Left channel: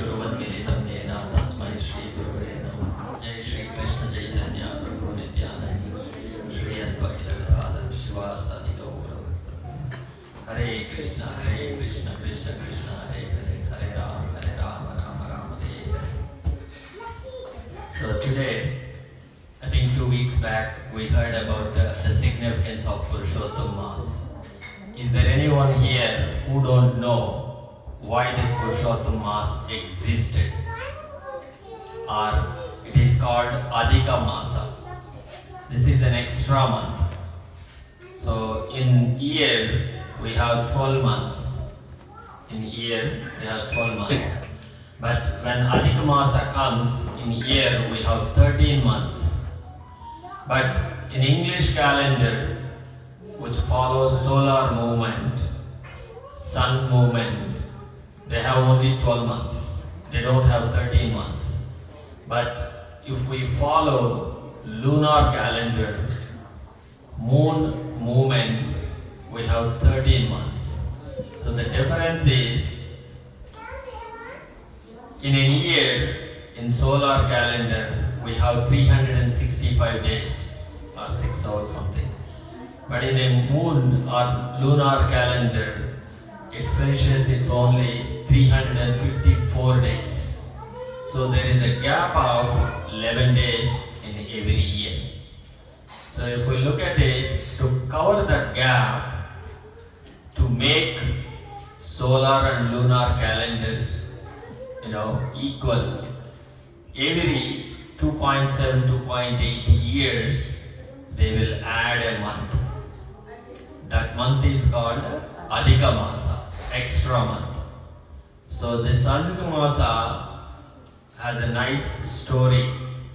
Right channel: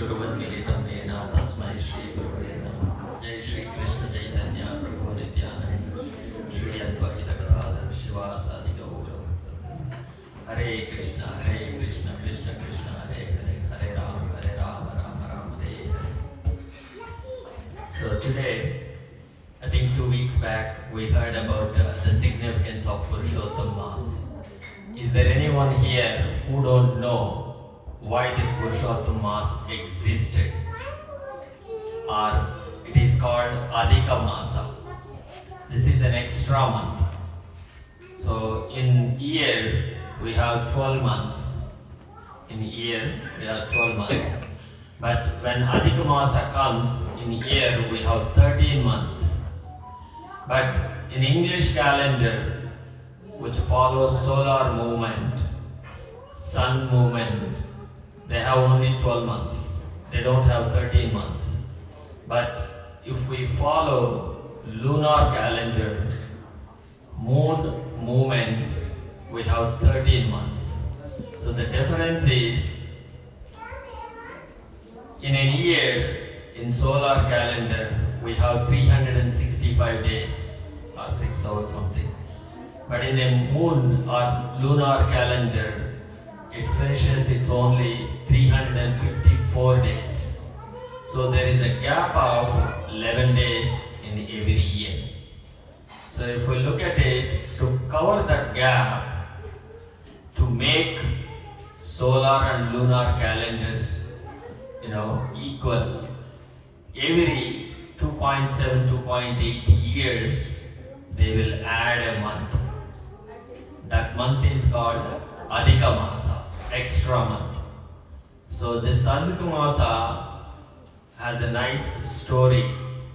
चक्षुरुन्मिलितं येन तस्मै श्रीगुरवे नमः। जय श्री कृष्ण चैतन्य प्रभु नित्यानंद श्री अद्वैत गदाधर शिवासादि गौर भक्त। हरे कृष्ण कृष्ण कृष्ण हरे हरे, हरे Ram Ram Ram Hare Hare. So today, I think 2 weeks back, we heard about the significance of Purushottam Maas. Is there anyone here who don't know why this Purushottam Maas existed? Or it is called Adhika Masa. This is an extra month. So in year we have 12 months. In year we have 12 months. But when Adhika Masa comes, in year we have 13 months. But in English calendar, which follows solar movement, sun movement, they have only 12 months. They don't have 13 months. But if we follow lunar calendar, moon movements, we have 13 months. So the difference is, in a year, in solar calendar, we have 365 days or 6 hours something. But in a moon or lunar calendar, it finishes its only 354 days. So there is a gap of 11 days in every year. So if we look at it, to cover that gap, to make solar and lunar calendars, equal, every 2.7, 2.8 years, they will add a month. That month is called Adhika Masa, extra month. So this Adhika Masa has a nice story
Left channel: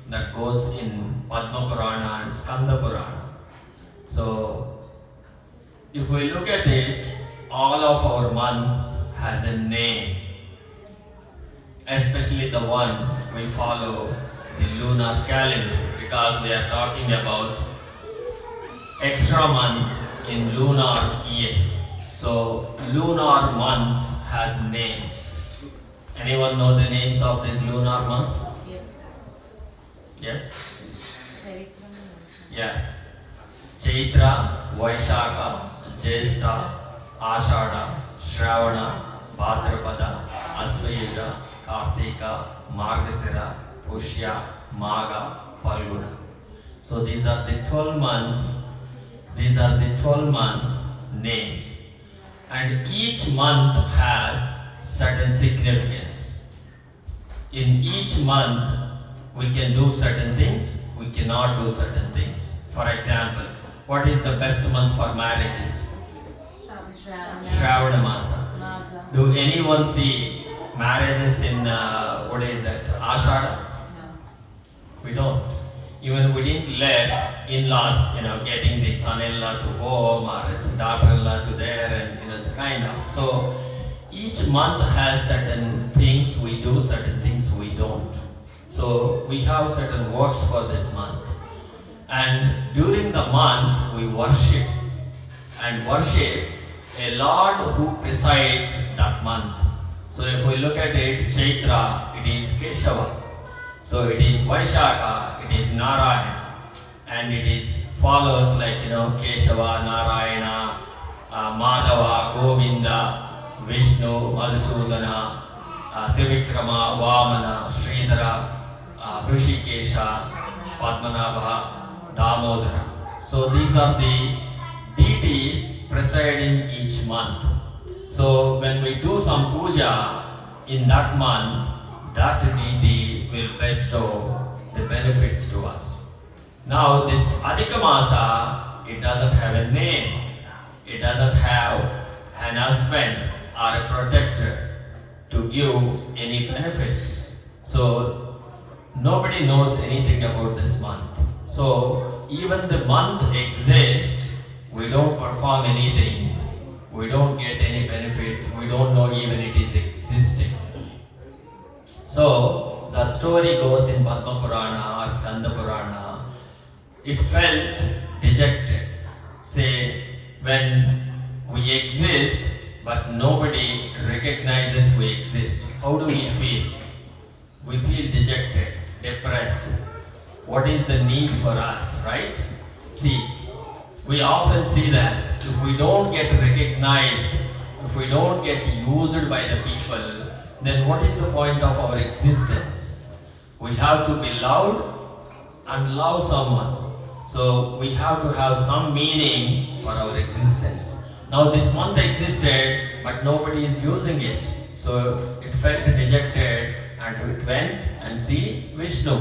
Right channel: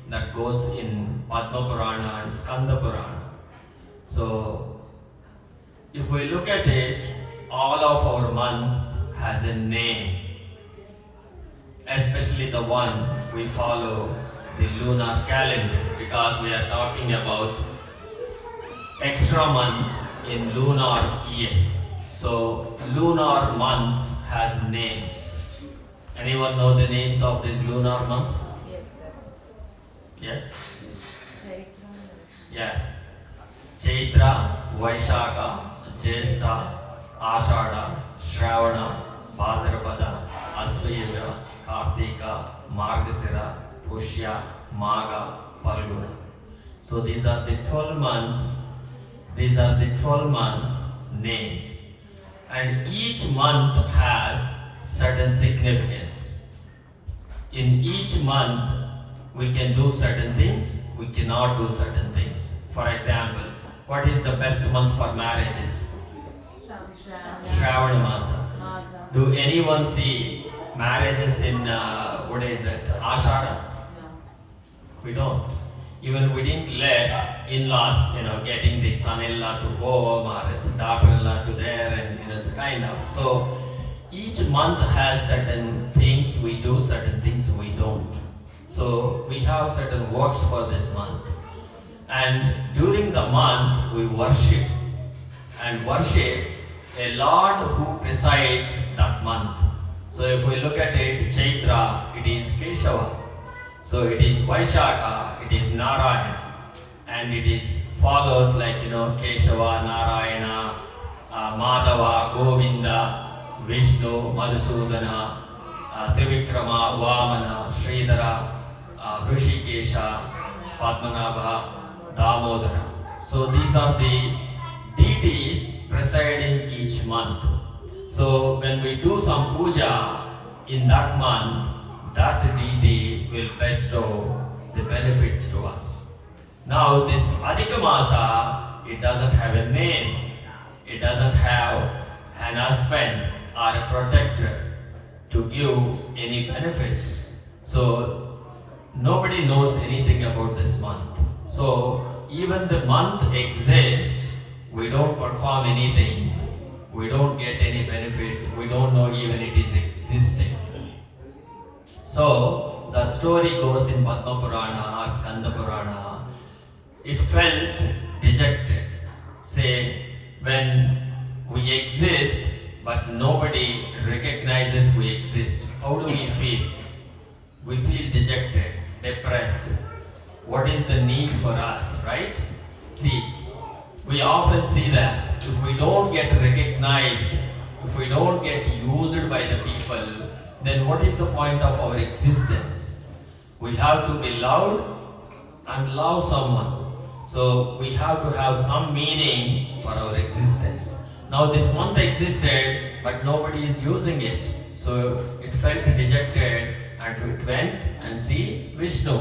that goes in Padma Purana and Skanda Purana. So if we look at it, all of our months has a name, especially the one we follow, the lunar calendar, because we are talking about extra month in lunar year. So lunar months has names. Anyone know the names of these lunar months? Yes? Yes. Chaitra, Vaishakha, Jyeshtha, Ashadha, Shravana, Bhadrapada, Asvesha, Kartika, Margasira, Pushya, Magha, Palguna. So these are the 12 months. These are the 12 months names. And each month has certain significance. In each month, we can do certain things, we cannot do certain things. For example, what is the best month for marriages? Shravana Masa. Do anyone see marriages in, what is that, Ashada? We don't. Even we didn't let in-laws, getting the son-in-law to home or its daughter-in-law to there, and it's kind of. So each month has certain things we do, certain things we don't. So we have certain works for this month. And during the month we worship a Lord who presides that month. So if we look at it, Chaitra, it is Keshava. So it is Vaishakha, it is Narayana. And it is follows like, Keshava, Narayana, Madhava, Govinda, Vishnu, Madhusudana, Trivikrama, Vamana, Sridhara, Hrishikesha, Padmanabha, Damodara. So these are the deities presiding each month. So when we do some puja in that month, that deity will bestow the benefits to us. Now this Adhika Masa, it doesn't have a name. It doesn't have an husband or a protector to give any benefits. So nobody knows anything about this month. So even the month exists, we don't perform anything, we don't get any benefits, we don't know even it is existing. So the story goes in Padma Purana or Skanda Purana. It felt dejected. Say, when we exist, but nobody recognizes we exist. how do we feel? We feel dejected, depressed. What is the need for us, right? See, we often see that if we don't get recognized, if we don't get used by the people, then what is the point of our existence? We have to be loved and love someone. So we have to have some meaning for our existence. Now this month existed, but nobody is using it. So it felt dejected and it went and see Vishnu.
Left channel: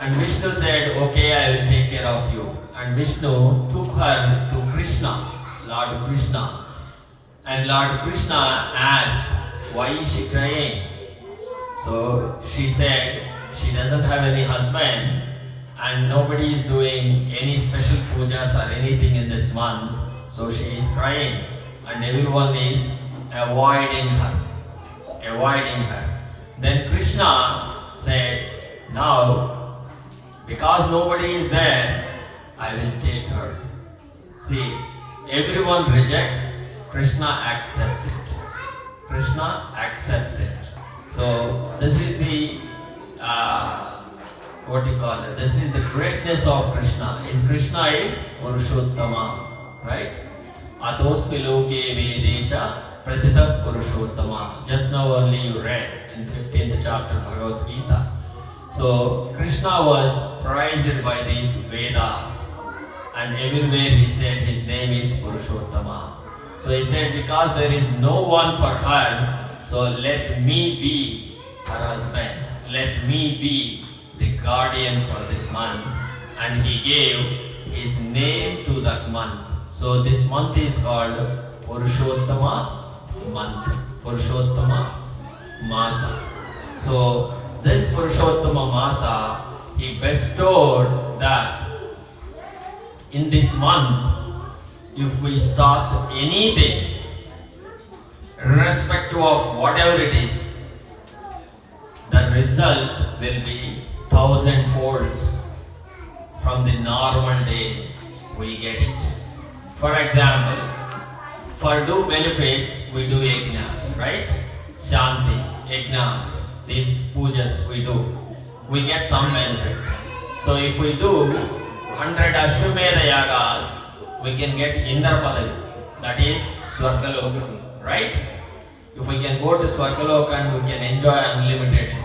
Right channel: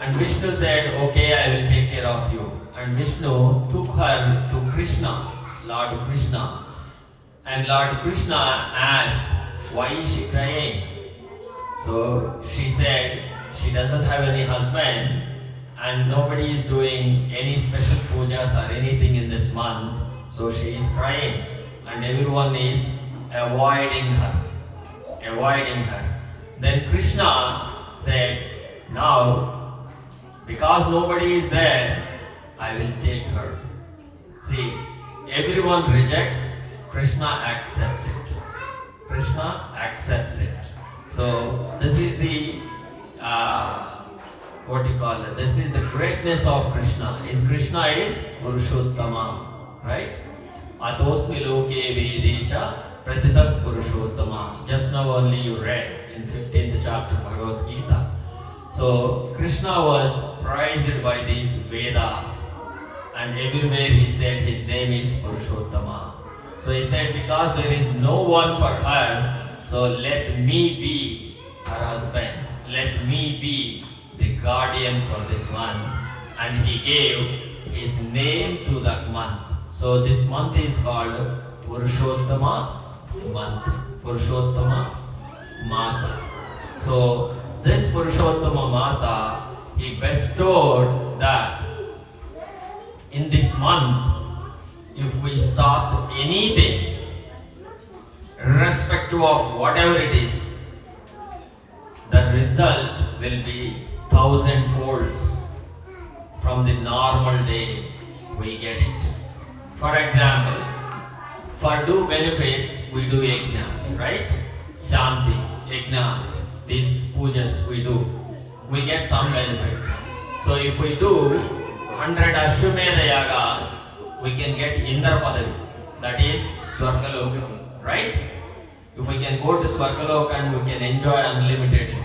And Vishnu said, okay, I will take care of you. And Vishnu took her to Krishna, Lord Krishna. And Lord Krishna asked, why is she crying? So she said, she doesn't have any husband and nobody is doing any special pujas or anything in this month. So she is crying and everyone is avoiding her. Then Krishna said, now because nobody is there, I will take her. See, everyone rejects, Krishna accepts it. Krishna accepts it. So this is the this is the greatness of Krishna. Krishna is Purushottama, right? Atosmi loke vedecha pratitah Purushottama. Just now only you read in 15th chapter Bhagavad Gita. So Krishna was prized by these Vedas, and everywhere he said his name is Purushottama. So he said, because there is no one for her, so let me be her husband. Let me be the guardian for this month. And he gave his name to that month. So this month is called Purushottama month. Purushottama Masa. So this Purushottama Masa, he bestowed that in this month, if we start anything, irrespective of whatever it is, the result will be 1,000 folds from the normal day we get it. For example, for do benefits, we do yajnas, right? Shanti, yajnas, these pujas we do. We get some benefit. So if we do 100 Ashwamedha yagas, we can get Indra Padavi, that is Swargaloka, right? If we can go to Swargaloka and we can enjoy unlimited.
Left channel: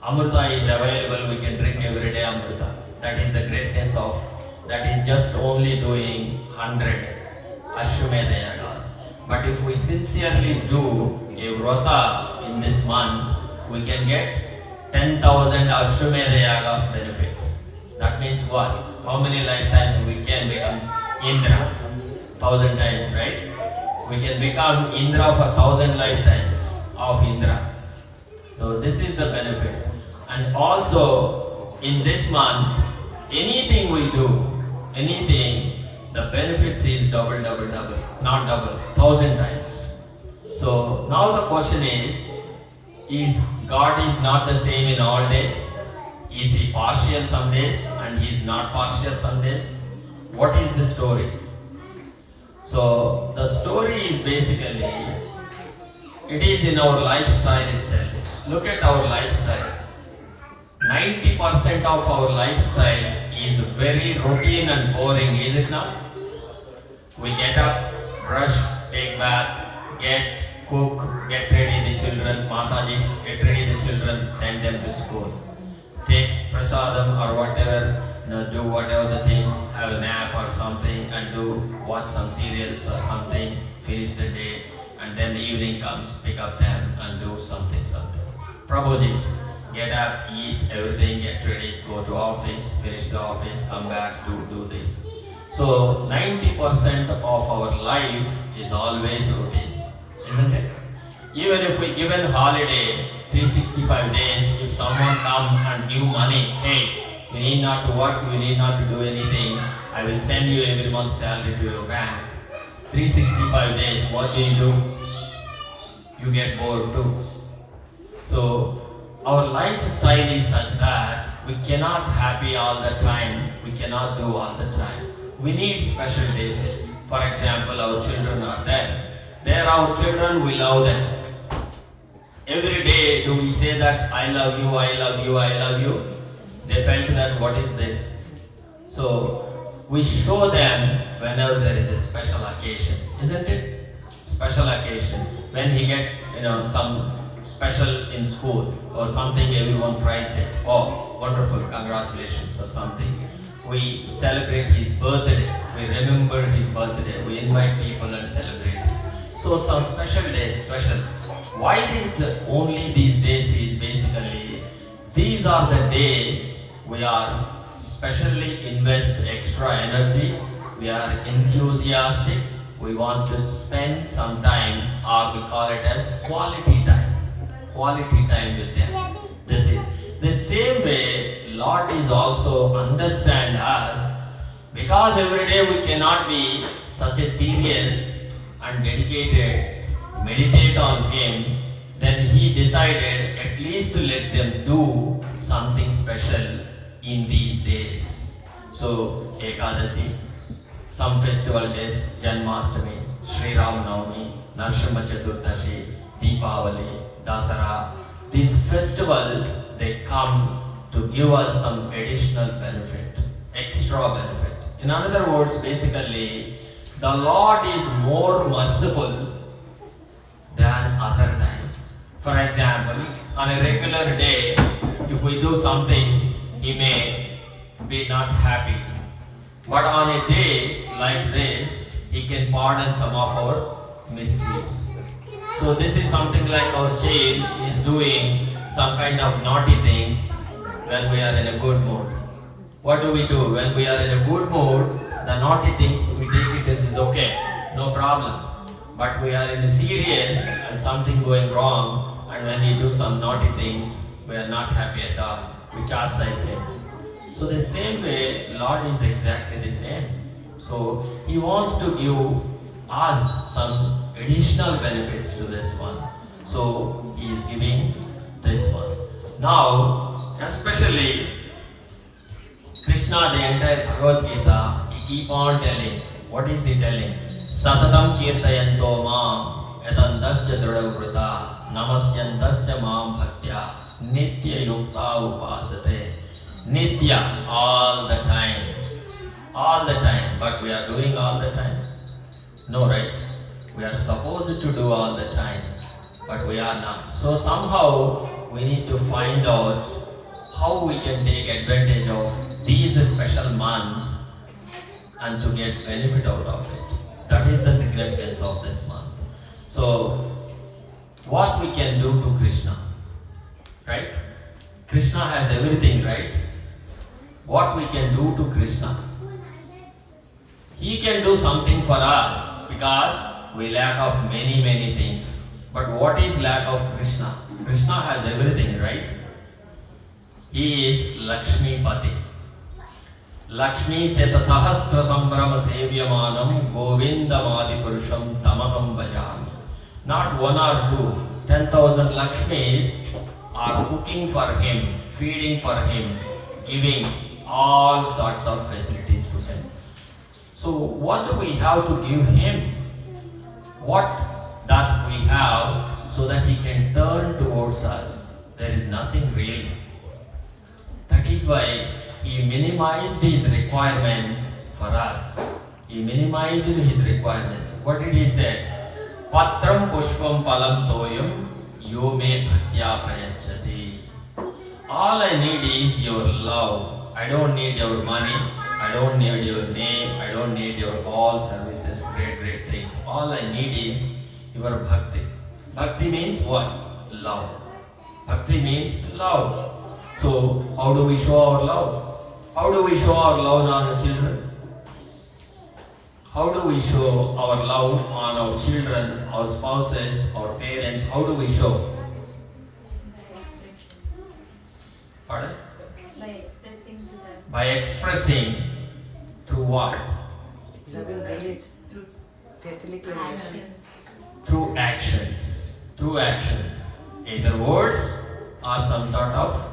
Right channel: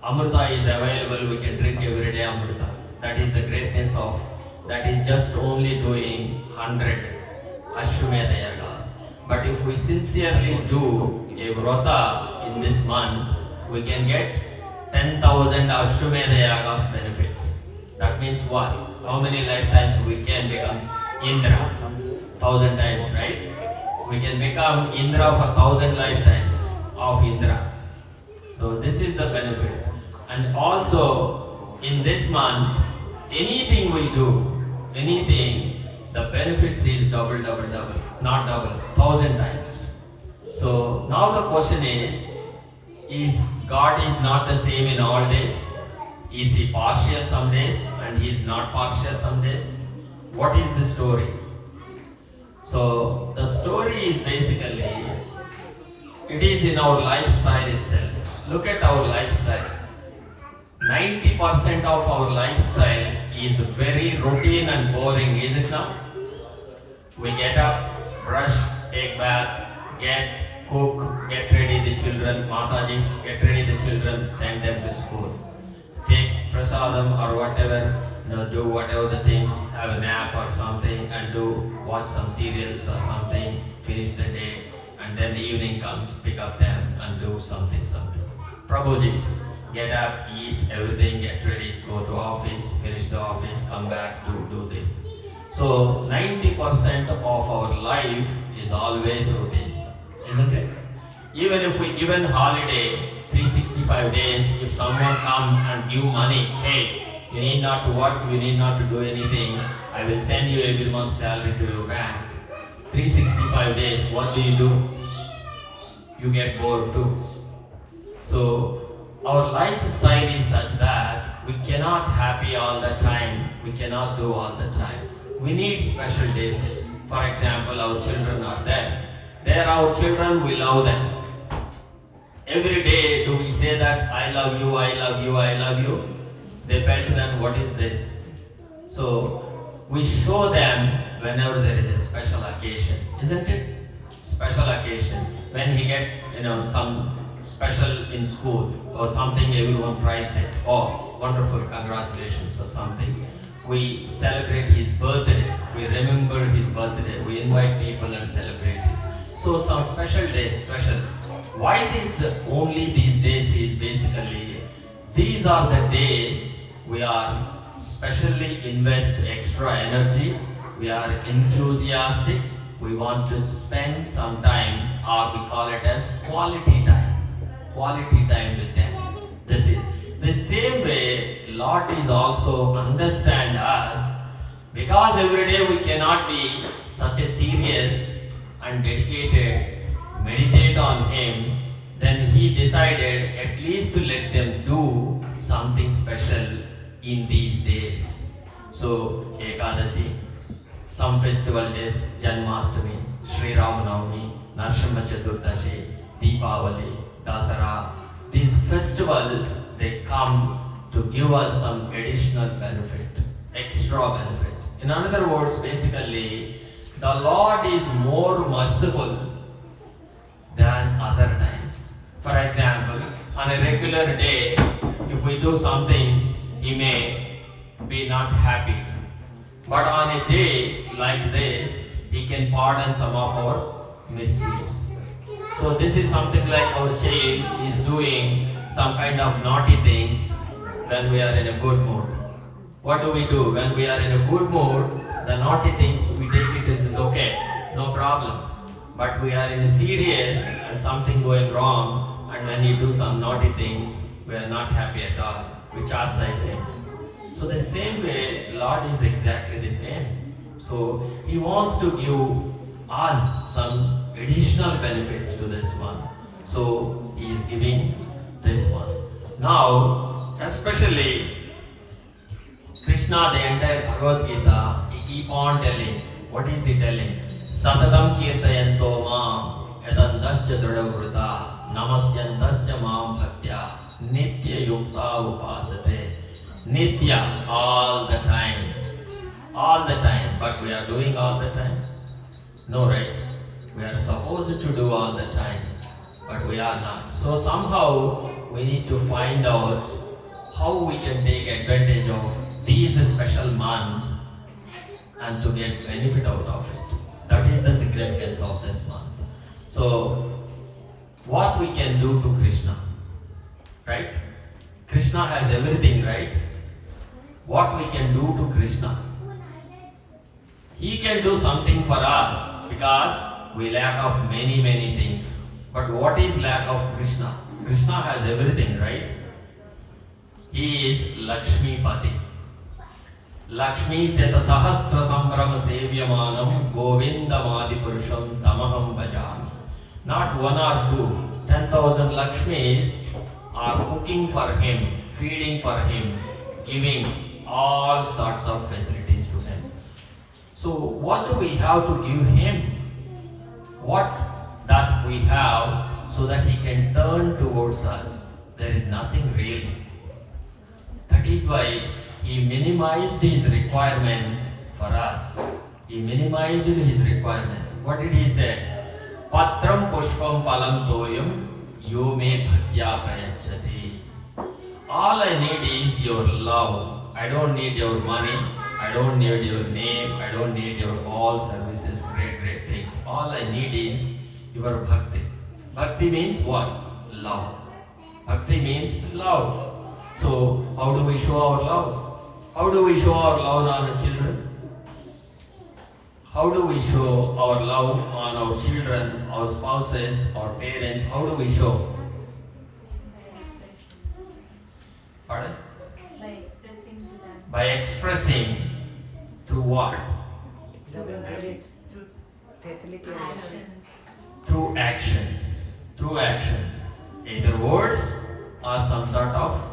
Amrita is available, we can drink every day Amrita. That is the greatness of, that is just only doing 100 Ashwamedha yagas. But if we sincerely do a vrata in this month, we can get 10,000 Ashwamedha yagas benefits. That means what? How many lifetimes we can become Indra? 1,000 times, right? We can become Indra for 1,000 lifetimes of Indra. So this is the benefit. And also in this month, anything we do, anything, the benefits is double, not double, 1,000 times. So now the question is God is not the same in all days? Is he partial some days and he is not partial some days? What is the story? So the story is basically, it is in our lifestyle itself. Look at our lifestyle. 90% of our lifestyle is very routine and boring, is it not? We get up, brush, take bath, cook, get ready the children, Matajis, get ready the children, send them to school. Take prasadam or whatever, do whatever the things, have a nap or something and watch some serials or something, finish the day, and then the evening comes, pick up them and do something. Prabhujis, get up, eat everything, get ready, go to office, finish the office, come back, do this. So 90% of our life is always routine, isn't it? Even if we given holiday, 365 days, if someone come and give money, hey, you need not to work, you need not to do anything, I will send you every month salary to your bank. 365 days, what do? You get bored too. So our lifestyle is such that we cannot happy all the time, we cannot do all the time. We need special days. For example, our children are there. They are our children, we love them. Every day do we say that I love you, I love you, I love you? They felt that what is this? So we show them whenever there is a special occasion, isn't it? Special occasion. When he get some special in school or something, everyone prized it. Oh, wonderful, congratulations or something. We celebrate his birthday. We remember his birthday. We invite people and celebrate it. So some special days, special. Why only these days is basically, these are the days we are specially invest extra energy, we are enthusiastic, we want to spend some time, or we call it as quality time with them. This is the same way Lord is also understand us, because every day we cannot be such a serious and dedicated, meditate on Him, then He decided at least to let them do something special in these days. So, Ekadasi, some festival days, Janmashtami, Sri Ram Navami, Narsimha Chaturdashi, Deepavali, Dasara, these festivals, they come to give us some additional benefit, extra benefit. In other words, basically, the Lord is more merciful than other times. For example, on a regular day, if we do something, He may be not happy. But on a day like this, He can pardon some of our mischiefs. So this is something like our child is doing some kind of naughty things when we are in a good mood. What do? When we are in a good mood, the naughty things, we take it as is okay, no problem. But we are in a serious and something going wrong, and when we do some naughty things, we are not happy at all. We chastise Him. So the same way, Lord is exactly the same. So He wants to give us some additional benefits to this one. So He is giving this one. Now, especially Krishna, the entire Bhagavad Gita, He keep on telling. What is He telling? Satatam kirtayanto ma yatandasya drudavrita namasyantasya mam bhaktya nitya yukta upasate. Nitya, all the time. All the time. But we are doing all the time? No, right? We are supposed to do all the time, but we are not. So somehow we need to find out how we can take advantage of these special months and to get benefit out of it. That is the significance of this month. So what we can do to Krishna, right? Krishna has everything, right? What we can do to Krishna? He can do something for us because we lack of many things. But what is lack of Krishna? Krishna has everything, right? He is Lakshmi Pati. Lakshmi Seta Sahasra Sambrama Sevyamanam Govindamadi Purusham Tamaham Bhajami. Not one or two, 10,000 Lakshmis are cooking for him, feeding for him, giving all sorts of facilities to him. So what do we have to give him? What that we have so that he can turn towards us? There is nothing really. That is why he minimized his requirements for us. He minimized his requirements. What did he say? Patram pushpam palam toyam yo me bhaktya prayachati. All I need is your love. I don't need your money. I don't need your name. I don't need your all services, great things. All I need is your bhakti. Bhakti means what? Love. Bhakti means love. So how do we show our love? How do we show our love on our children? How do we show our love on our children, our spouses, our parents? How do we show? Pardon? By expressing through what? Through facilitating actions. Through actions. Through actions. Either words or some sort of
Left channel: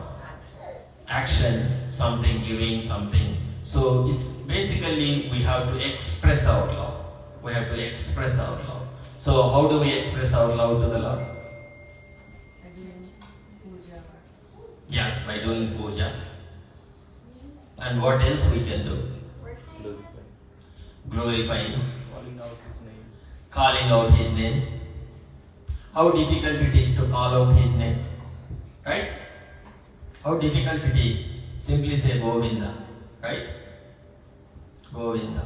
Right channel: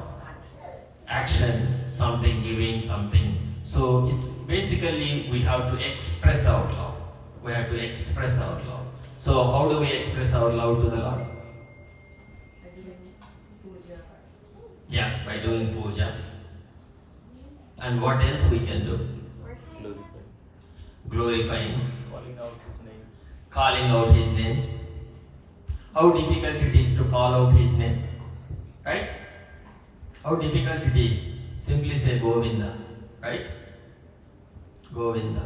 action, something giving, something. So it's basically we have to express our love. We have to express our love. So how do we express our love to the Lord? Yes, by doing puja. And what else we can do? Glorifying, Calling out his names. calling out his names. How difficult it is to call out his name, right? How difficult it is. Simply say Govinda, right? Govinda.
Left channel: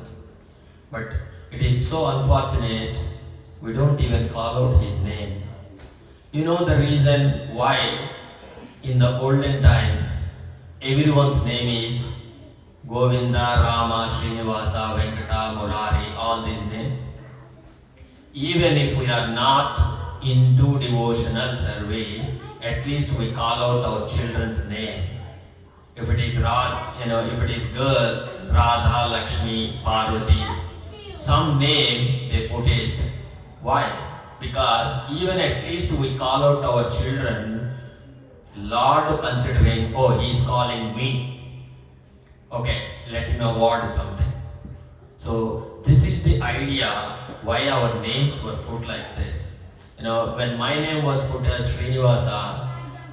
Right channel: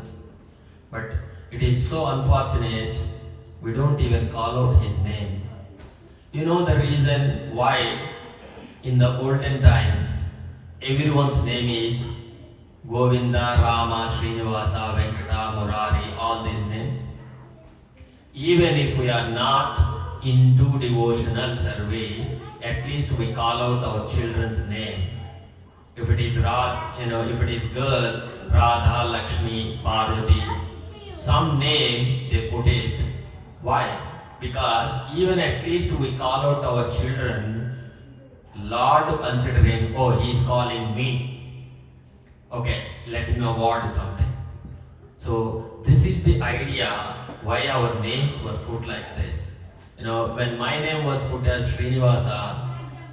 But it is so unfortunate we don't even call out his name. You know the reason why in the olden times everyone's name is Govinda, Rama, Srinivasa, Venkata, Murari, all these names? Even if we are not into devotional service, at least we call out our children's name. If it is if it is girl, Radha, Lakshmi, Parvati, some name they put it. Why? Because even at least we call out our children, Lord considering, oh, he is calling me. Okay, let him award something. So this is the idea why our names were put like this. When my name was put as Srinivasa,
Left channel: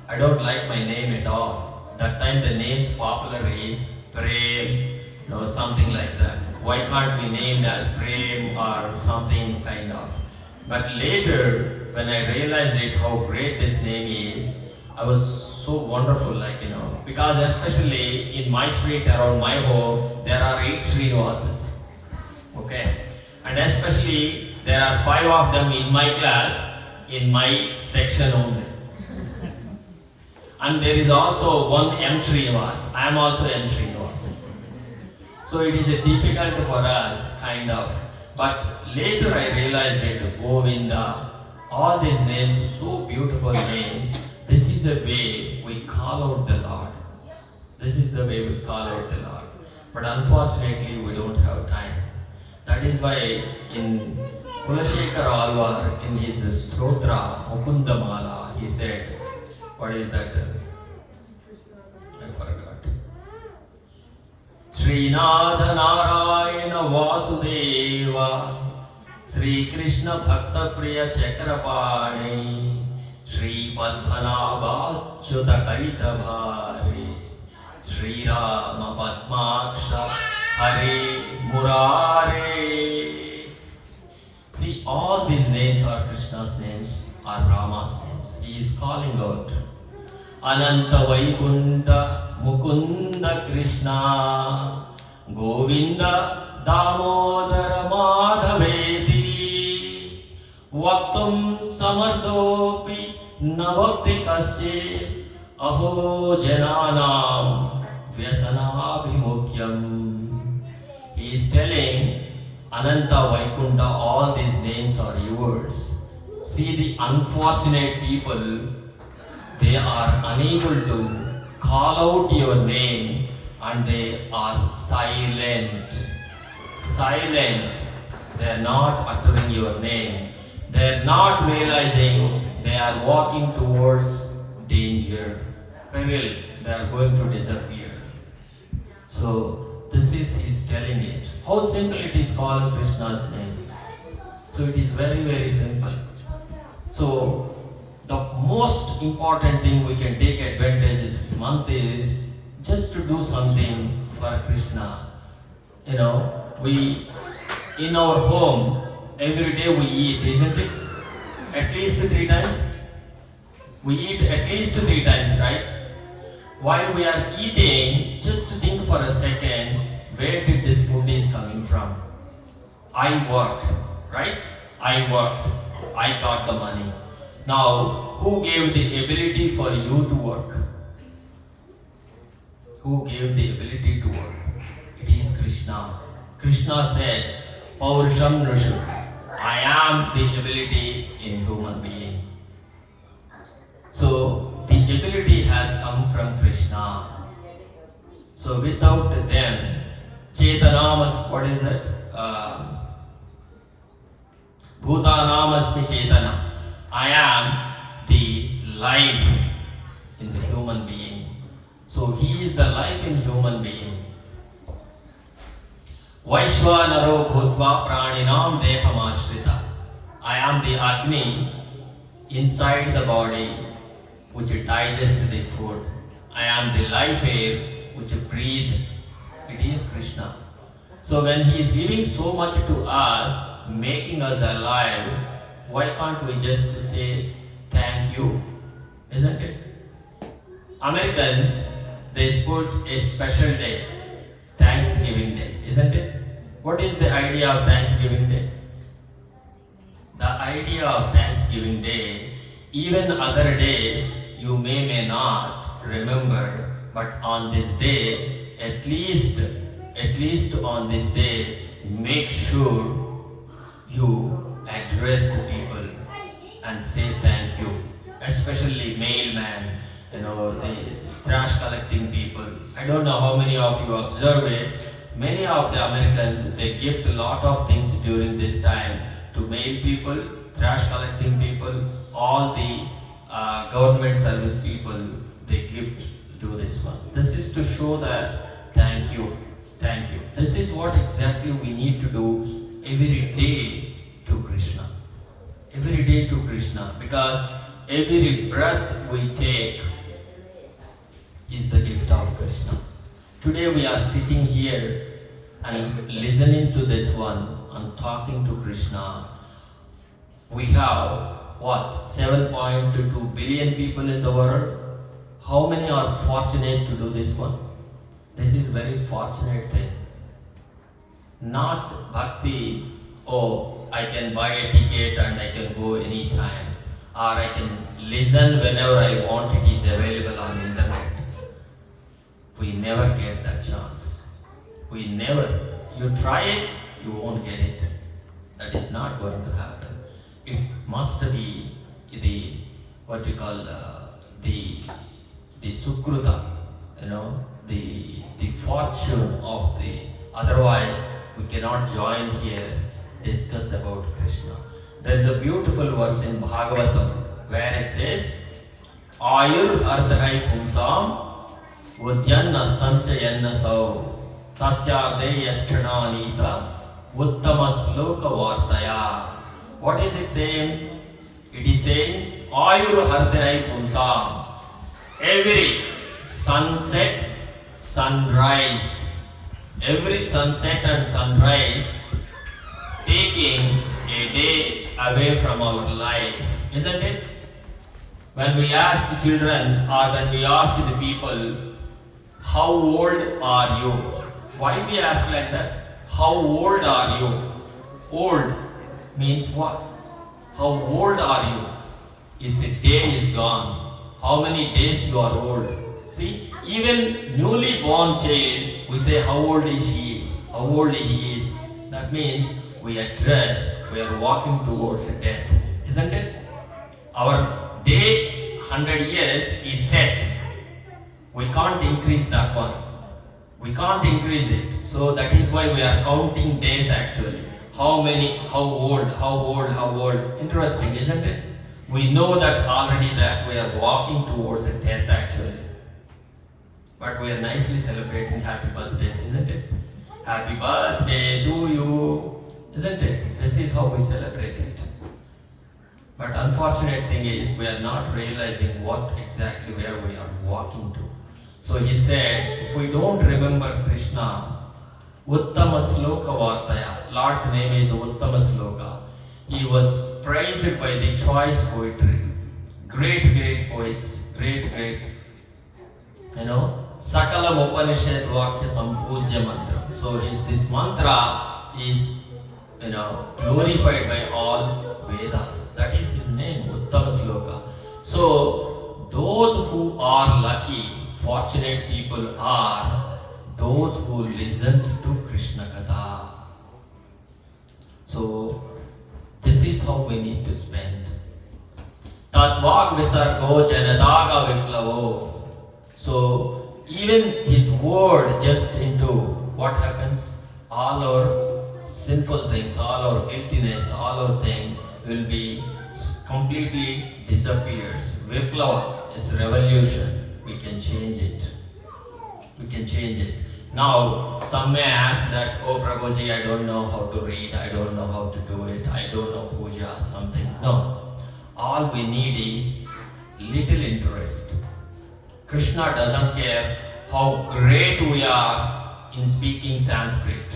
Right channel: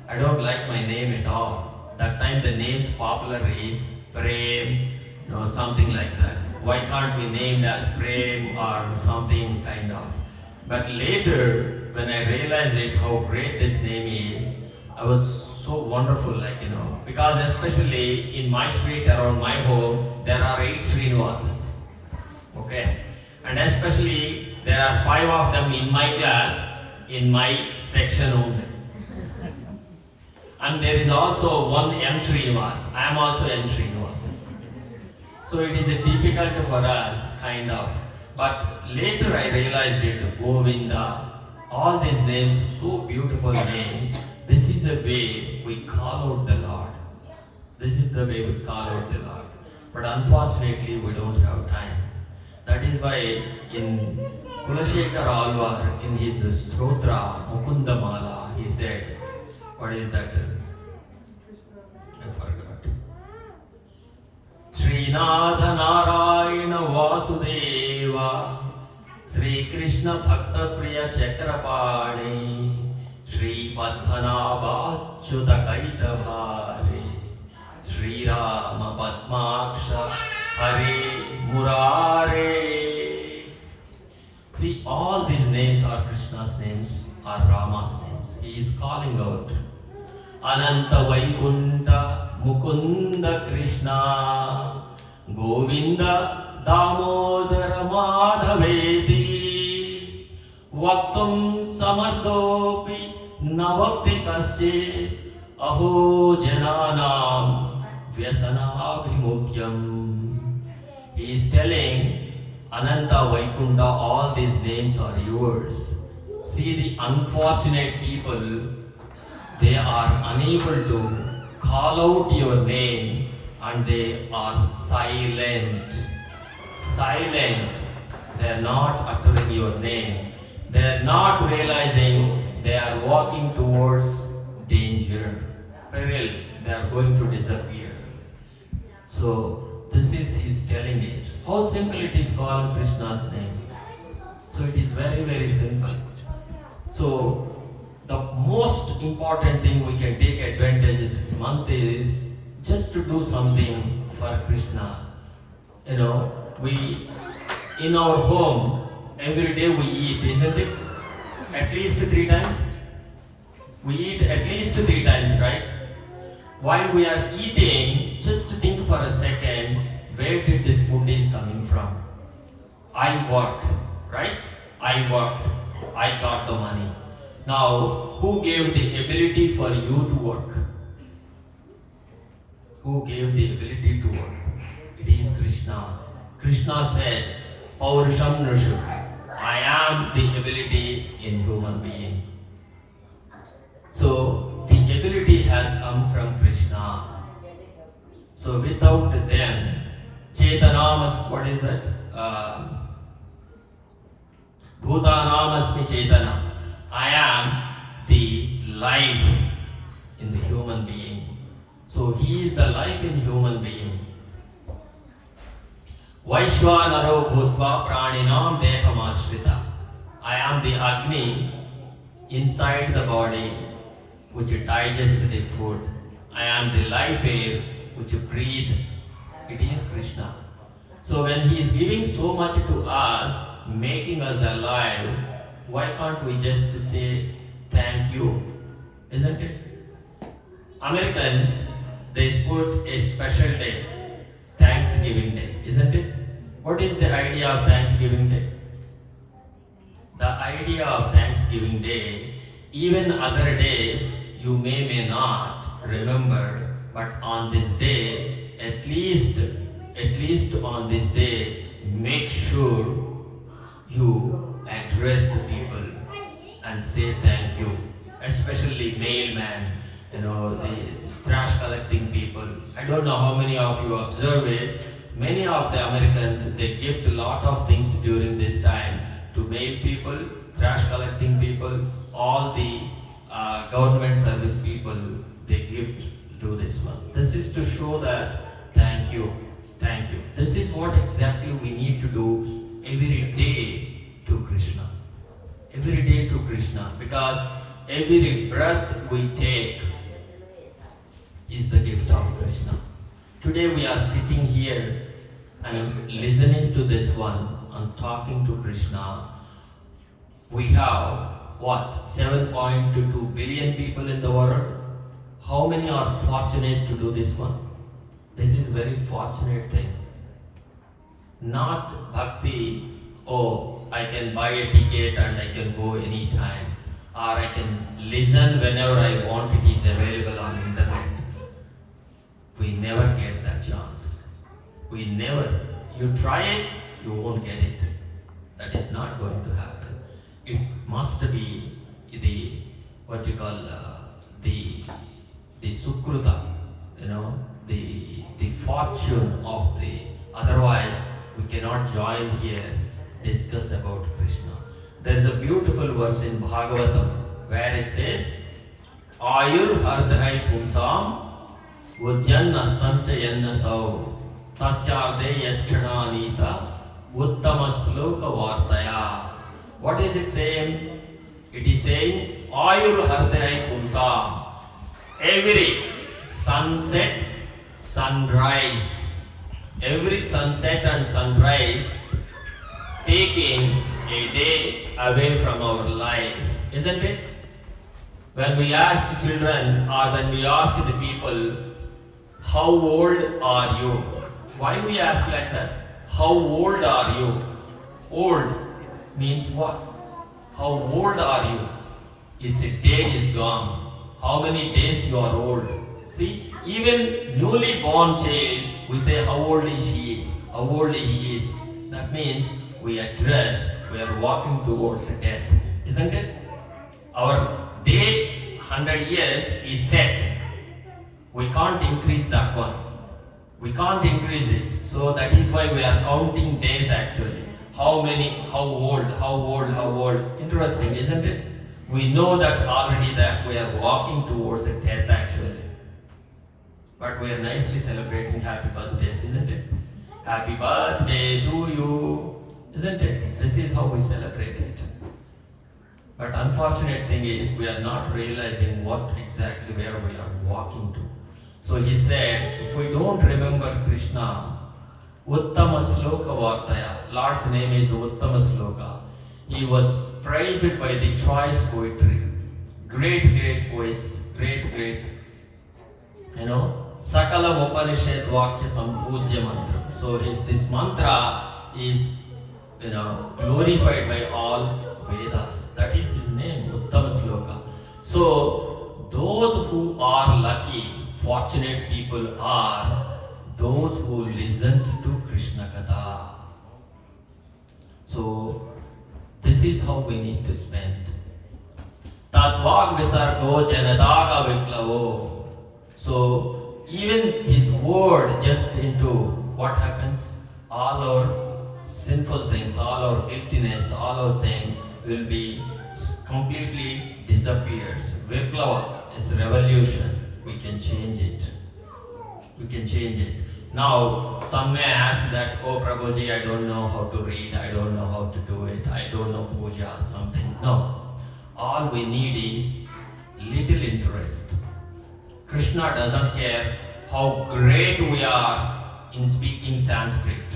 I don't like my name at all. That time the names popular is Prem, something like that. Why can't be named as Prem or something kind of? But later, when I realized it, how great this name is, I was so wonderful, because especially in my street around my home, there are 8 Srinivasas. Okay, and especially there are 5 of them in my class, in my section only. And there is also one M Srinivas. I am also M Srinivas. So it is a difficult for us, kind of. But later I realized it, Govinda, all these names, so beautiful names. This is the way we call out the Lord. This is the way we call out the Lord. But unfortunately, we don't have time. That is why in Kulashekar Alvar, in his Stotra, Mukundamala, he said, what is that? I forgot. Srinatha Narayana Vasudeva, Sri Krishna Bhakta Priya Chakrapani, Sri Padmanabha Achyuta Kaitavare, Sri Rama Padmaksha Hare Murare. See, all these names are Krishna's names, are Rama's names. He is calling out Ananta Vaikunta Mukunda Krishna Govinda Damodara Madhaveti Vaktum Samardopi Navakti Kasche Aho Jananam Vyasanabhimukyam. He is telling Ananta Vaikunta, all these names are yours. See the unfortunate people, they are unable to call out your name and they are silent. Silent. They are not uttering your name. They are not realizing they are walking towards danger, peril. They are going to disappear. So this is his telling it. How simple it is calling Krishna's name. So it is very, very simple. So the most important thing we can take advantage this month is just to do something for Krishna. We in our home every day we eat, isn't it? At least 3 times. We eat at least 3 times, right? While we are eating, just think for a second, where did this food is coming from? I worked, right? I worked. I got the money. Now, who gave the ability for you to work? Who gave the ability to work? It is Krishna. Krishna said, Purushottam, I am the ability in human being. So, the ability has come from Krishna. So, without them, Chetanamas, what is that? Bhutanamasmi Chetana. I am the life in the human being. So, he is the life in human being. Vaishvanaro Bhutva Praninam Dehamashrita. I am the Agni inside the body which digests the food. I am the life air which breathe. It is Krishna. So when he is giving so much to us, making us alive, why can't we just say thank you? Isn't it? Americans, they put a special day, Thanksgiving Day, isn't it? What is the idea of Thanksgiving Day? The idea of Thanksgiving Day, even other days you may not remember, but on this day, at least on this day, make sure you address the people and say thank you, especially mailman, the trash collecting people. I don't know how many of you observe it. Many of the Americans, they gift a lot of things during this time to mail people, trash collecting people, all the government service people, they gift to this one. This is to show that thank you. This is what exactly we need to do every day to Krishna. Every day to Krishna, because every breath we take is the gift of Krishna. Today we are sitting here and listening to this one and talking to Krishna. We have what? 7.22 billion people in the world. How many are fortunate to do this one? This is very fortunate thing. Not bhakti, oh, I can buy a ticket and I can go anytime, or I can listen whenever I want, it is available on internet. We never get that chance. We never. You try it, you won't get it. That is not going to happen. It must be the what you call the sukruta, the fortune of the. Otherwise, we cannot join here discuss about Krishna. There is a beautiful verse in Bhagavatam where it says, Ayur ardhai pumsam Udyanastamcha yannasau tasyarde yasthananita uttamasloka vartaya. What is it saying? It is saying, Ayur ardhai pumsam. Every sunset, sunrise, every sunset and sunrise taking a day away from our life, isn't it? When we ask the children or when we ask the people, how old are you? Why we ask like that? How old are you? Old means what? How old are you? It's a day is gone. How many days you are old? See, even newly born child, we say how old she is, how old he is. That means we are walking towards death, isn't it? Our day, 100 years is set. We can't increase that one. We can't increase it. So that is why we are counting days actually. How old. Interesting, isn't it? We know that already that we are walking towards a death actually. But we are nicely celebrating happy birthdays, isn't it? Happy birthday to you, isn't it? This is how we celebrate it. But unfortunate thing is we are not realizing what exactly where we are walking to. So he said, if we don't remember Krishna, Uttama Sloka Vartaya, Lord's name is Uttama Sloka. He was praised by the choice poetry. Great poets, great, Sakalam Upanishad Vakya Sampujya Mantra. So this mantra is, glorified by all Vedas. That is his name, Uttama Sloka. So those who are lucky, fortunate people are those who listens to Krishna Katha. So this is how we need to spend. Tatvag Visargo Janadaga Viplavo. So even his word just into what happens, all our sinful things, all our guiltiness, all our thing will be completely disappears. Viplava is revolution. We can change it. Now, some may ask that, oh Prabhuji, I don't know how to read, I don't know how to do it, I don't know puja, something. No. All we need is little interest. Krishna doesn't care how great we are in speaking Sanskrit,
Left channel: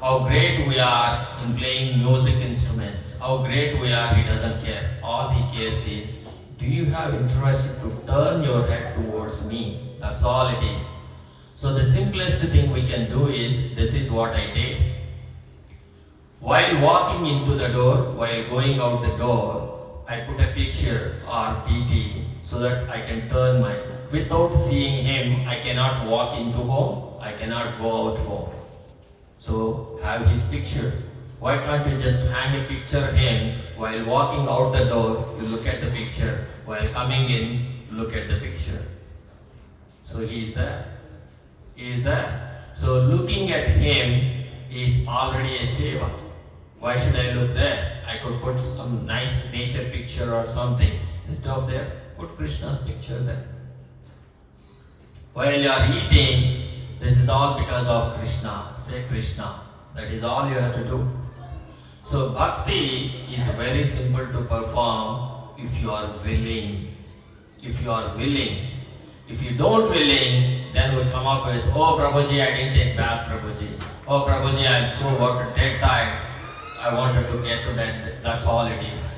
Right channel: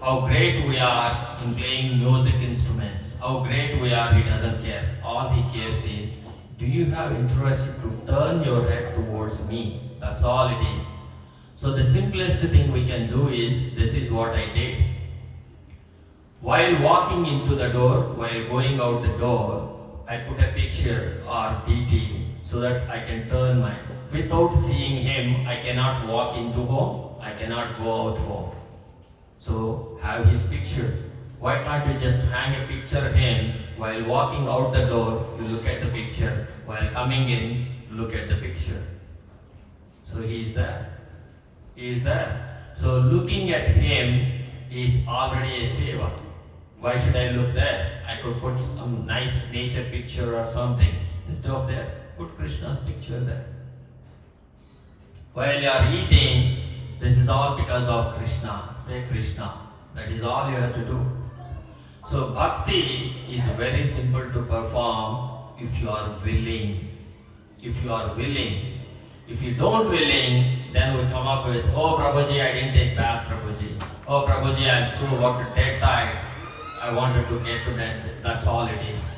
how great we are in playing music instruments, how great we are, he doesn't care. All he cares is, do you have interest to turn your head towards me? That's all it is. So the simplest thing we can do is, this is what I did. While walking into the door, while going out the door, I put a picture or TT so that I can turn my, without seeing him, I cannot walk into home, I cannot go out home. So have his picture. Why can't you just hang a picture of him while walking out the door, you look at the picture, while coming in, look at the picture. So he is there. He is there. So looking at him is already a seva. Why should I look there? I could put some nice nature picture or something. Instead of there, put Krishna's picture there. While you are eating, this is all because of Krishna. Say Krishna. That is all you have to do. So bhakti is very simple to perform if you are willing. If you are willing. If you don't willing, then we come up with, oh Prabhuji, I didn't take bath, Prabhuji. Oh Prabhuji, I'm so dead tired. I wanted to get to bed. That's all it is.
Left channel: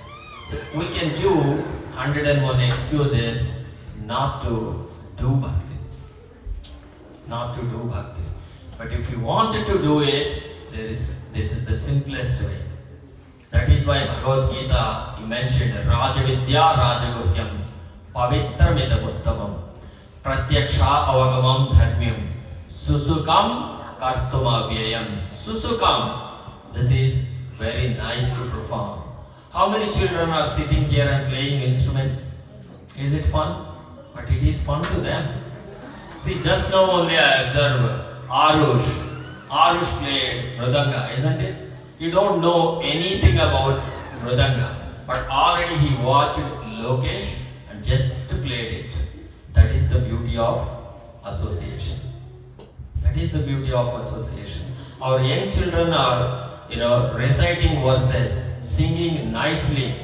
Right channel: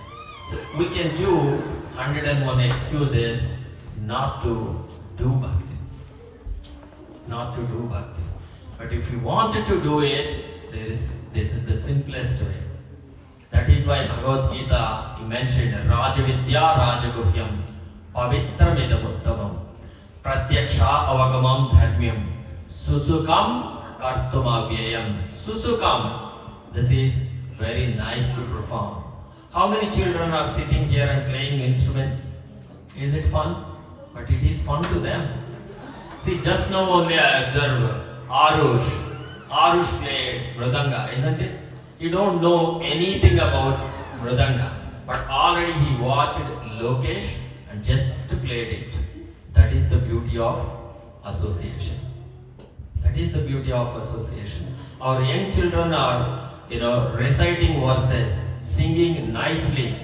So we can do 101 excuses not to do bhakti. Not to do bhakti. But if you wanted to do it, this is the simplest way. That is why Bhagavad Gita, he mentioned Rajavidya Rajaguhyam Pavitramidam Uttavam Pratyaksha Avagamam Dharmyam Susukam Kartuma Vyayam. Susukam. This is very nice to perform. How many children are sitting here and playing instruments? Is it fun? But it is fun to them. See, just now only I observed Arush. Arush played Mridanga, isn't it? You don't know anything about Mridanga, but already he watched Lokesh and just played it. That is the beauty of association. That is the beauty of association. Our young children are, reciting verses, singing nicely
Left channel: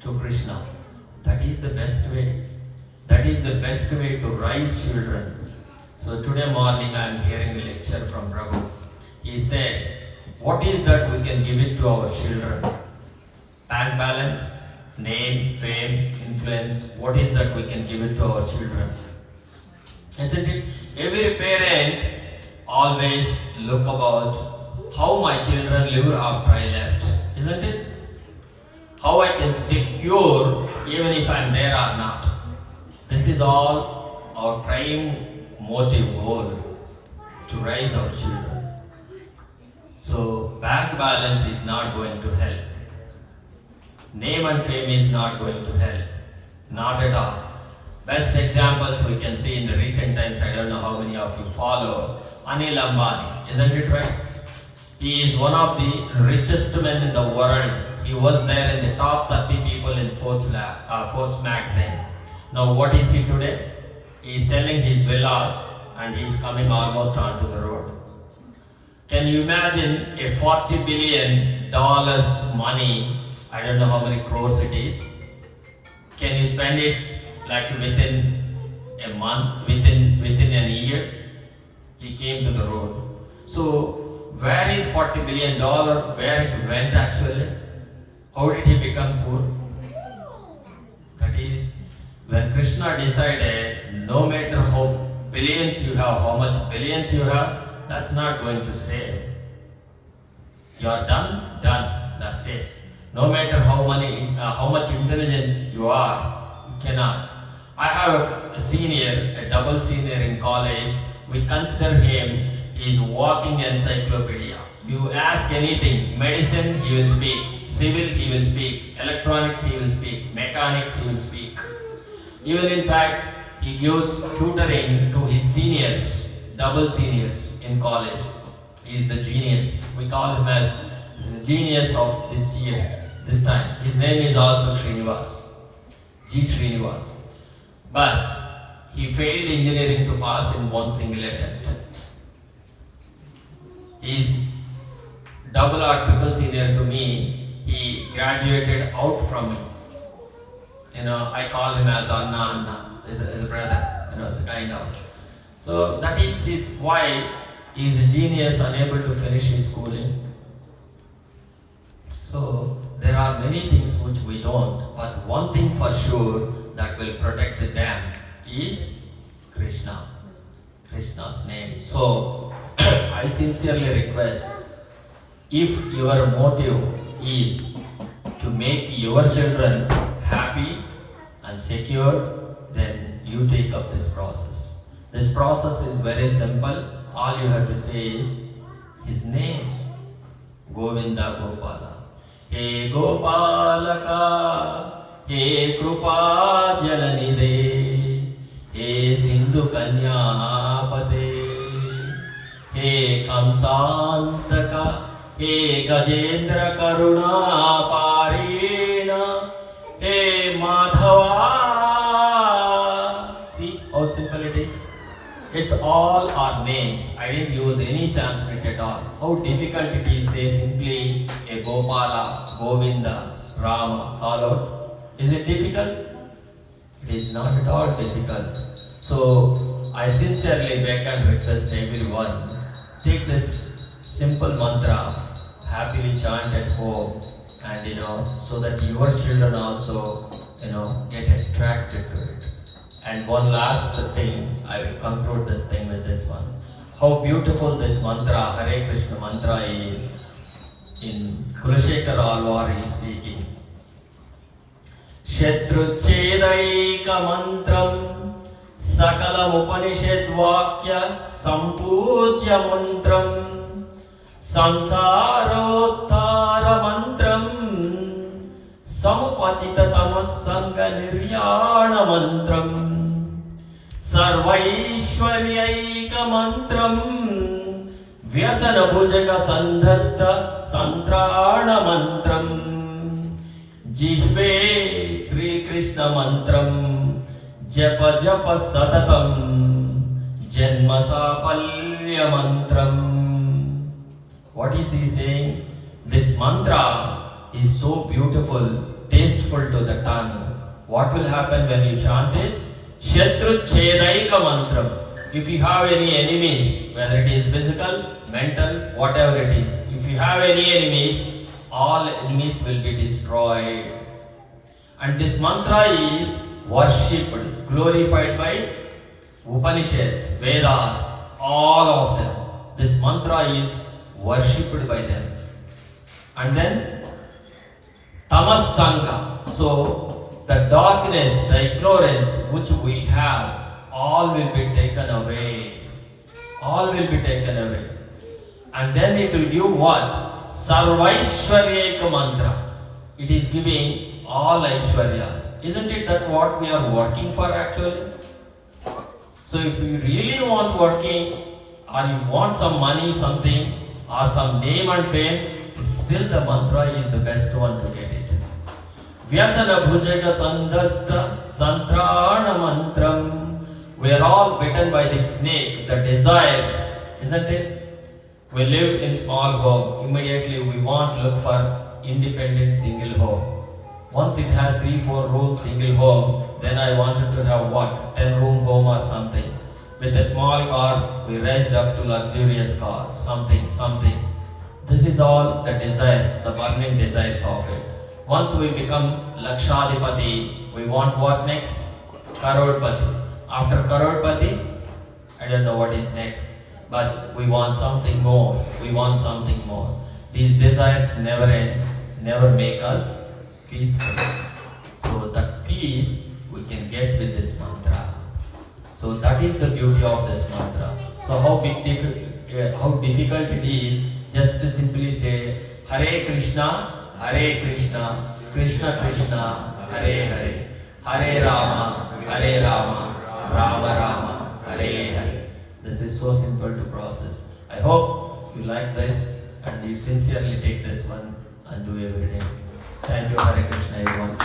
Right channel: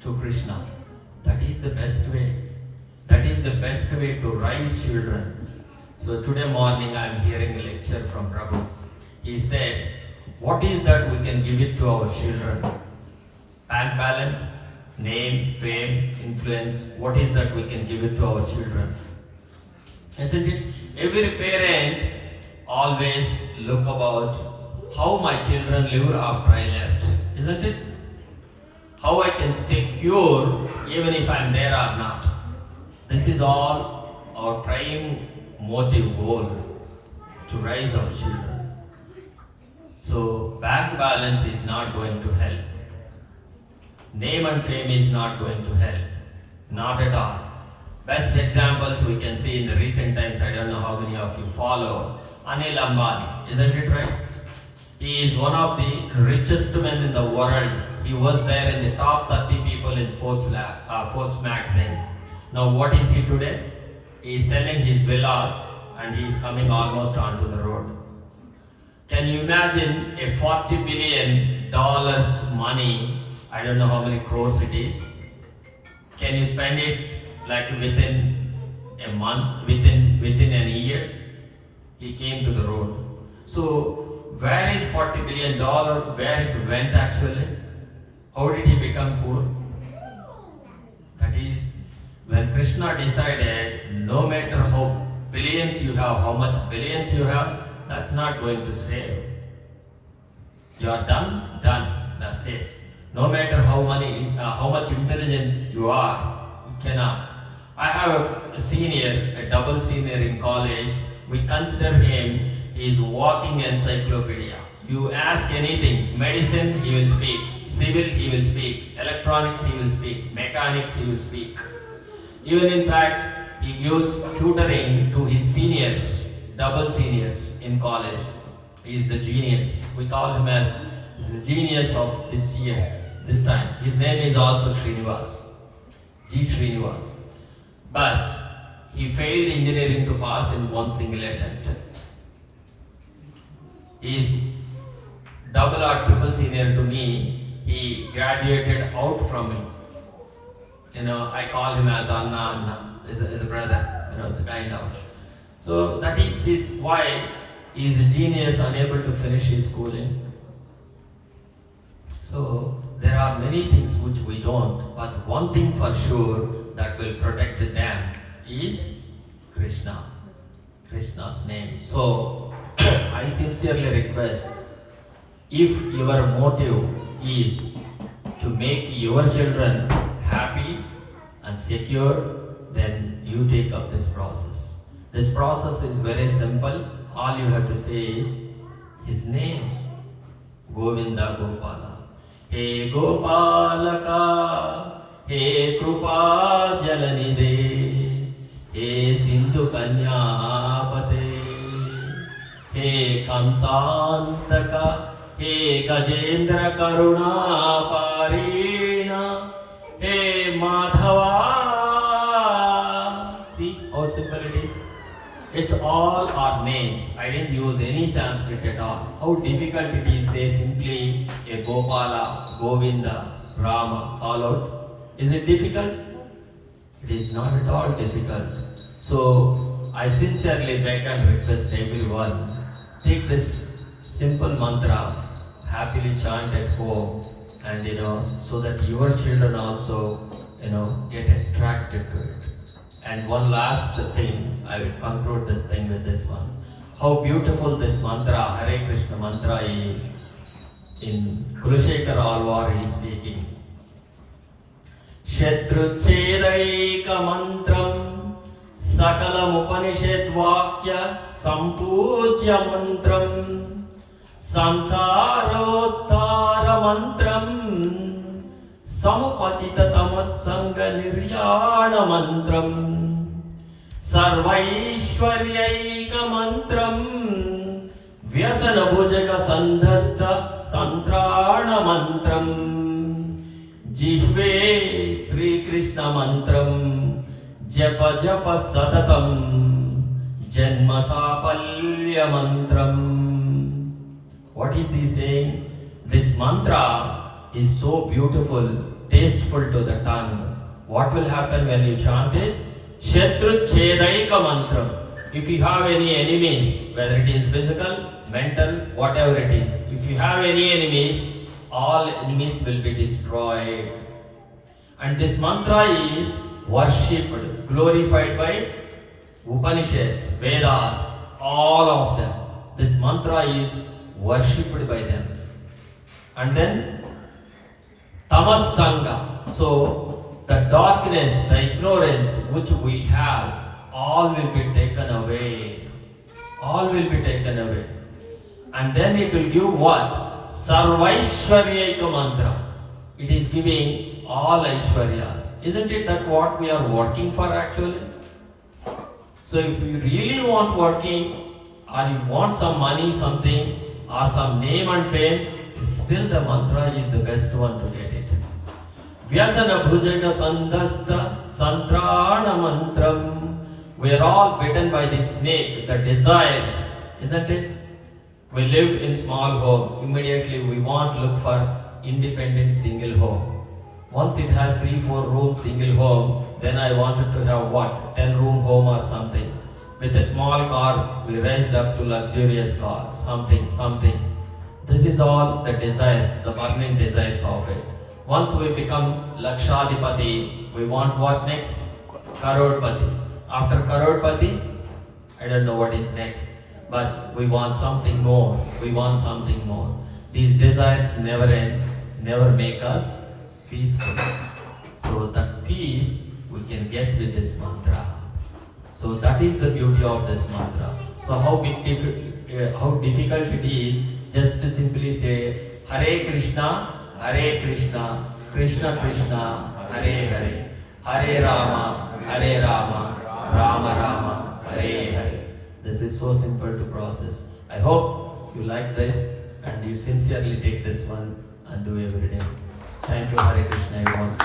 to Krishna. That is the best way. That is the best way to raise children. So today morning I am hearing a lecture from Prabhu. He said, what is that we can give it to our children? Bank balance, name, fame, influence. What is that we can give it to our children? Isn't it? Every parent always look about how my children live after I left. Isn't it? How I can secure even if I am there or not. This is all our prime motive goal, to raise our children. So bank balance is not going to help. Name and fame is not going to help. Not at all. Best examples we can see in the recent times, I don't know how many of you follow, Anil Ambani, isn't it right? He is one of the richest men in the world. He was there in the top 30 people in Forbes magazine. Now what is he today? He is selling his villas and he is coming almost onto the road. Can you imagine a $40 billion money? I don't know how many crores it is. Can you spend it like within a month, within a year? He came to the road. So where is $40 billion? Where it went actually? How did he become poor? That is, when Krishna decided, no matter how billions you have, how much billions you have, that's not going to save. You are done, that's it. No matter how much intelligent you are, you cannot. I have a senior, a double senior in college. We consider him, he is walking encyclopedia. You ask anything, medicine he will speak, civil he will speak, electronics he will speak, mechanics he will speak. Even in fact, he gives tutoring to his seniors, double seniors in college. He is the genius. We call him as the genius of this year, this time. His name is also Srinivas, G. Srinivas. But he failed engineering to pass in one single attempt. He is double or triple senior to me. He graduated out from me. I call him as Anna, as a brother. it's kind of. So that is his why he is a genius unable to finish his schooling. So there are many things which we don't, but one thing for sure that will protect them is Krishna. Krishna's name. So I sincerely request, if your motive is to make your children happy and secure, then you take up this process. This process is very simple. All you have to say is his name, Govinda Gopala. He Gopalaka, he Krupa Jalanide, he Sindhu Kanyapate, he Kamsantaka, he Gajendra Karuna Parina, he Madhava. See how simple it is? It's all our names. I didn't use any Sanskrit at all. How difficult it is, say simply a Gopala, Govinda, Rama, call out. Is it difficult? It is not at all difficult. So I sincerely beg and request everyone, take this simple mantra, happily chant at home, and so that your children also get attracted to it. And one last thing, I will conclude this thing with this one. How beautiful this mantra, Hare Krishna mantra is. In Purushottam Alvar he is speaking. Shatru Chedaika Mantram Sakalam Upanishad Vakya Sampujya Mantram Samsarottara Mantram Samupachita Tamasanga Niryana Mantram Sarvaishwaryaika Mantram Vyasana Bhujaga Sandhasta Santrana Mantram Jihve Sri Krishna Mantram Japa Japa Sadatam Janma Sapalya Mantram. What is he saying? This mantra is so beautiful, tasteful to the tongue. What will happen when you chant it? Shatru Chedaika Mantram. If you have any enemies, whether it is physical, mental, whatever it is, if you have any enemies, all enemies will be destroyed. And this mantra is worshipped, glorified by Upanishads, Vedas, all of them. This mantra is worshipped by them. And then Tamas Sangha. So the darkness, the ignorance which we have, all will be taken away. All will be taken away. And then it will give what? Sarvaishwaryaika mantra. It is giving all Aishwaryas. Isn't it that what we are working for actually? So if you really want working, or you want some money, something, or some name and fame, still the mantra is the best one to get it. Vyasana Bhujaga Sandhasta Santrana Mantram. We are all bitten by the snake, the desires, isn't it? We live in small home. Immediately we want to look for independent single home. Once it has 3-4 rooms single home, then I wanted to have what? 10-room home or something. With a small car, we raised up to luxurious car, something. This is all the desires, the burning desires of it. Once we become Lakshadipati, we want what next? Karodpati. After Karodpati, I don't know what is next, but we want something more. These desires never ends, never make us peaceful. So that peace we can get with this mantra. So that is the beauty of this mantra. So how difficult it is just to simply say Hare Krishna, Krishna Krishna, Hare Hare, Hare Rama, Rama Rama, Hare Hare. This is so simple to process. I hope you like this and you sincerely take this one and do every day. Thank you, Hare Krishna, everyone.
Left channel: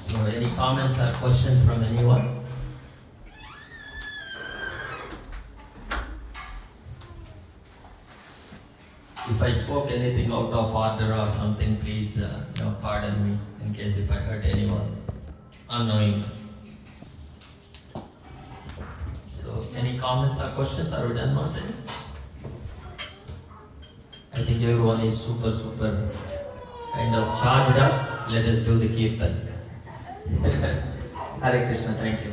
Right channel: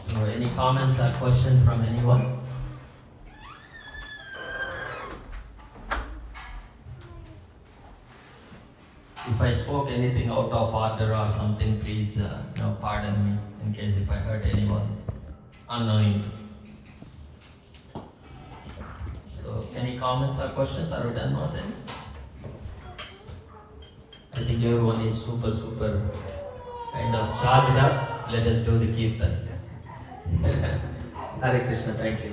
So, any comments or questions from anyone? If I spoke anything out of order or something, please pardon me in case if I hurt anyone. anoint. So, any comments or questions? Are we done, Martin? I think everyone is super kind of charged up. Let us do the kirtan. Hare Krishna, thank you.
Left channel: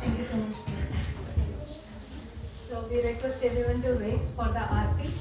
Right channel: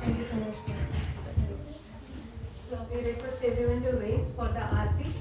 Thank you so much. So we request everyone to raise for the aarti.